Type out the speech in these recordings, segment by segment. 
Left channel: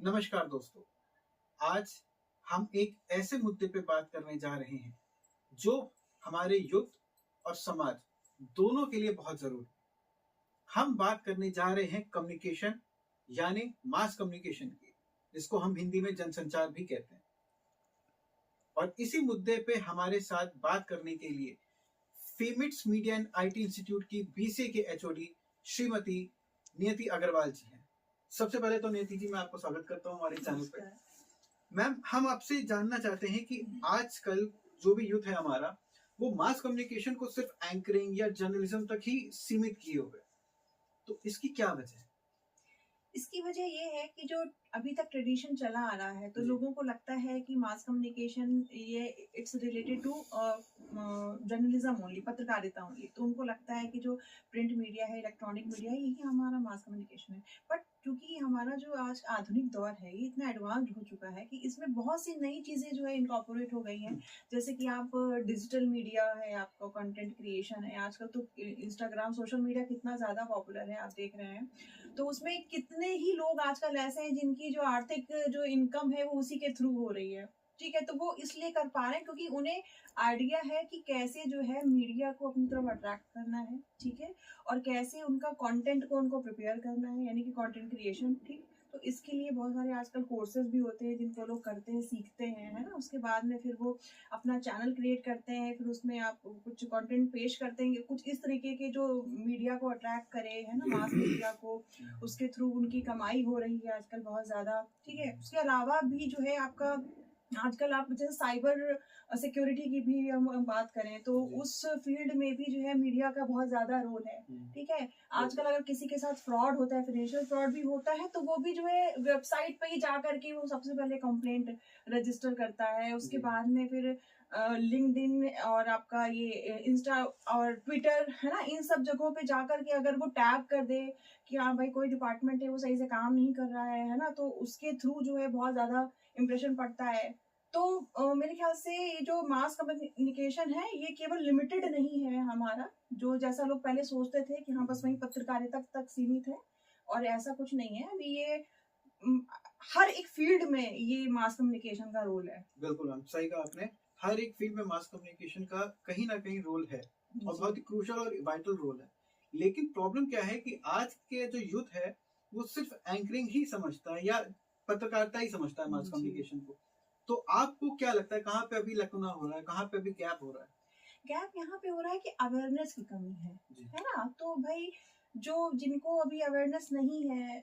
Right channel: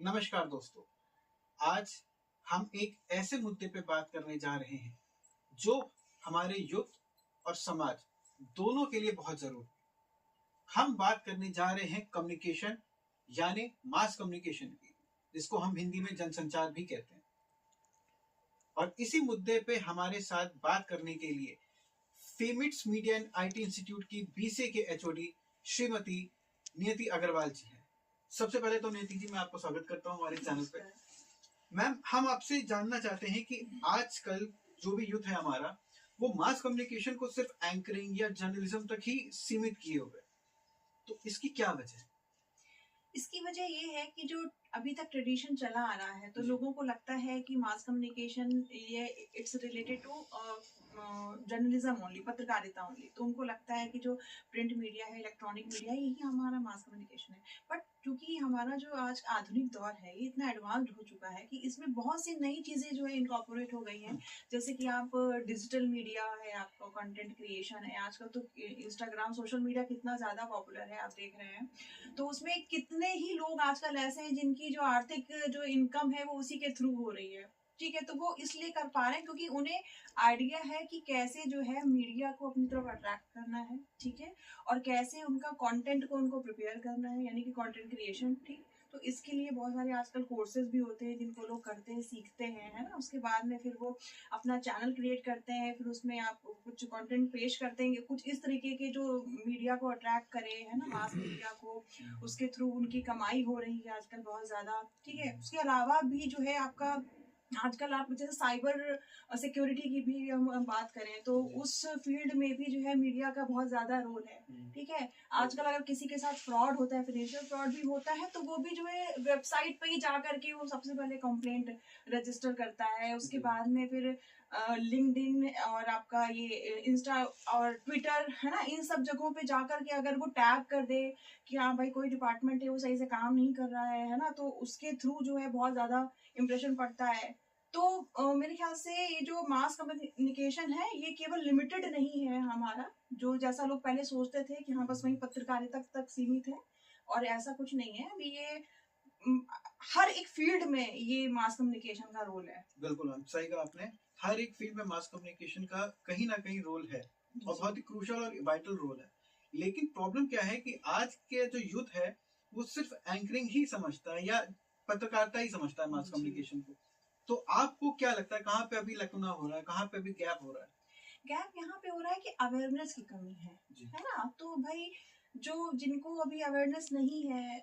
नमस्कार दोस्तों। आज हम एक ऐसे मुद्दे पे बात करने जा रहे हैं जो हमारे युथ और समाज दोनों के लिए बहुत जरूरी है। हम बात करने जा रहे हैं कम्युनिकेशन यानी मास कम्युनिकेशन की, जिसको हम हिंदी में जनसंचार भी कहते हैं। और इसी मुद्दे पे हमारे साथ बात करने के लिए फेमिट्स मीडिया एंड आईटी इंस्टीट्यूट की बीसीए के एचओडी श्रीमती नियति अग्रवाल जी हैं। सबसे पहले तो नियति जी, मैं आपको स्वागत करता हूँ हमारे चैनल पे। मैम, हम आपसे जानना चाहते हैं कि आजकल जो भी यूथ है हमारा, वो मास कम्युनिकेशन को सिर्फ एंकरिंग या जर्नलिज्म तक ही सीमित किए हुए, तो इसकी क्या वजह है? इसकी वजह ये है कि जो अभी तक ट्रेडिशन चला आ रहा है, तो जी। लोगों को लगता है कि मास कम्युनिकेशन ये it's related to journalism only, पत्रकारिता ओनली। तो उनको लगता है कि जो प्रिंट मीडिया है, इलेक्ट्रॉनिक मीडिया है, यही हमारा मास कम्युनिकेशन है। बट क्योंकि हमारा जो आज आधुनिक दौर है, ये इतना एडवांस्ड हो चुका है कि इसमें बहुत सी नई चीज़ें जो है इनकॉर्पोरेट हो गई हैं। जैसे कि आप डिजिटल मीडिया है, आपका कंटेंट क्रिएशन है। आजकल तो इंस्टाग्राम, सोशल मीडिया कितना ज़्यादा पॉपुलर है, आप देख रहे हैं। तो उसमें कितने ही लोग आजकल ऐसे हैं जिनकी जो आर्थिक जो इनकम है वो उसी के थ्रू हो रही है। ठीक है, तो वो इसलिए कर पा रहे हैं क्योंकि उन्हें आइडिया है कि कैसे जो है मीडिया को अपनी तरफ अट्रैक्ट करना है। ठीक है, और कैसे उनका कंटेंट को उनको प्रिपेयर करना है, यानी कि कंटेंट क्रिएशन। ठीक, तो इसके लिए बहुत सारे आजकल कोर्सेज भी होते हैं जिनको लोग करते हैं, सीखते हैं, है ना। उसके बाद में फिर वो अपना चैनल क्रिएट करते हैं, फिर उसमें आप कुछ कंटेंट पेश करते हैं, कुछ इस तरीके के जो मीडिया को अट्रैक्ट करे, है ना, मास मीडिया को। उसके थ्रू उनकी कमाई हो रही है आजकल बहुत ज़्यादा। ठीक है, उसके अलावा भी जो है आपका आजकल आप जैसे साइबर सिक्योरिटी की भी हम बात करें तो उस फील्ड में भी जो है मीडिया का बहुत ज़्यादा रोल है। ठीक है, आजकल अगर किसी के साथ फ्रॉड होता है, फाइनेंशियल फ्रॉड भी होता है, तो वो भी जो है वेबसाइट पे ही जा करके वो सबसे पहले कंप्लेंट रजिस्टर करता है। उसके बाद में फिर लिंक्डइन और आपका ये इंस्टा और ट्विटर, है ना, इन सब जगहों पे जा करके अगर वो टैग कर दे कि हाँ भाई कोई डिपार्टमेंट है वो सही से काम नहीं कर रहा है ना, तो उसके थ्रू जो है बहुत ज़्यादा इम्प्रेशन पड़ता है। तो मेरे ख्याल से ये जो मास कम्युनिकेशन है ये केवल लिमिटेड नहीं है हमारा, जो जैसा लोग पहले सोचते थे कि हाँ बस वही पत्रकारिता तक सीमित है, और ऐसा कुछ नहीं है। अभी ये उम, हर एक फील्ड में ये मास कम्युनिकेशन का रोल है। बिल्कुल, हम सही कहा आपने। हर एक फील्ड में मास कम्युनिकेशन का कहीं ना कहीं रोल है और बहुत ही क्रूशल और वाइटल रोल है। लेकिन प्रॉब्लम क्या है कि आज के जो यूथ है वो सिर्फ एंकरिंग ही समझता है या पत्रकारिता ही समझता है मास कम्युनिकेशन को। तो आपको क्या लगता है, कहाँ पे अभी लकुना हो रहा है, कहाँ पे अभी गैप हो रहा है? गैप यहाँ पे हो रहा है कि अवेयरनेस की कमी है ना। तो भाई जो जिनको अभी अवेयरनेस नहीं है,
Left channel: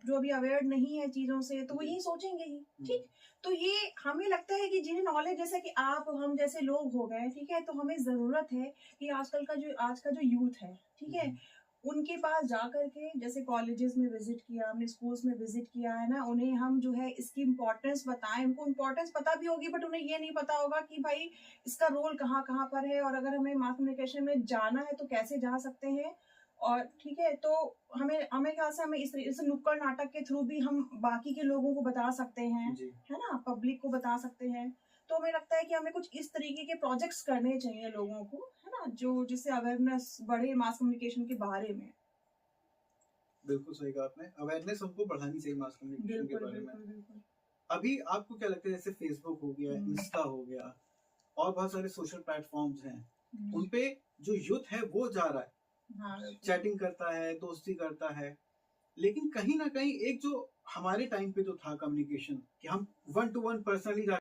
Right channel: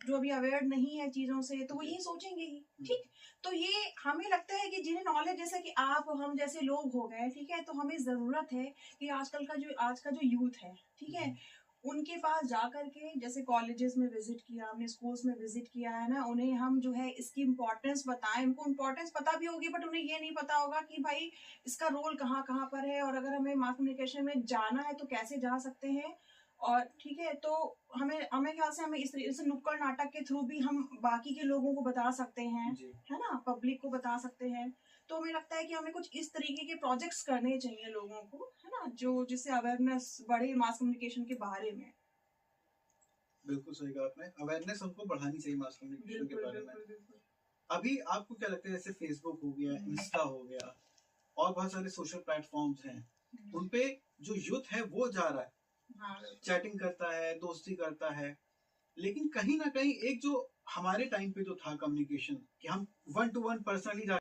जो अभी अवेयर नहीं है चीजों से, तो वो यही सोचेंगे ही। ठीक, तो ये हमें लगता है कि जिन्हें नॉलेज, जैसा कि आप हम जैसे लोग हो गए, ठीक है, तो हमें जरूरत है कि आज का जो यूथ है, ठीक है, उनके पास जा करके, जैसे कॉलेजेस में विजिट किया हमने, स्कूल्स में विजिट किया, है ना, उन्हें हम जो है इसकी इम्पोर्टेंस बताएं। उनको इम्पोर्टेंस पता भी होगी, बट उन्हें ये नहीं पता होगा कि भाई इसका रोल कहाँ कहाँ पर है, और अगर हमें मास कम्युनिकेशन में जाना है तो कैसे जा सकते हैं। और ठीक है, तो हमें हमें ख्याल से हमें इस तरीके से नुक्कड़ नाटक के थ्रू भी हम बाकी के लोगों को बता सकते हैं, है ना, पब्लिक को बता सकते हैं। तो हमें लगता है कि हमें कुछ इस तरीके के प्रोजेक्ट्स करने चाहिए लोगों को, है ना, जो जिससे अवेयरनेस बढ़े मास कम्युनिकेशन के बारे में। बिल्कुल सही कहा आपने, अवेयरनेस हमको बढ़ानी चाहिए मास कम्युनिकेशन के बारे में। बिल्कुल। अभी आपको क्या लगता है, जैसे फेसबुक हो गया, इंस्टा हो गया और बहुत सारे सोशल प्लेटफॉर्म्स हैं, उनपे जो यूथ है वो जा रहा है, चैटिंग करता है, दोस्ती करता है, लेकिन कहीं ना कहीं एक जो हमारे टाइम पे जो था कम्युनिकेशन कि हम 1 to 1 पर्सनली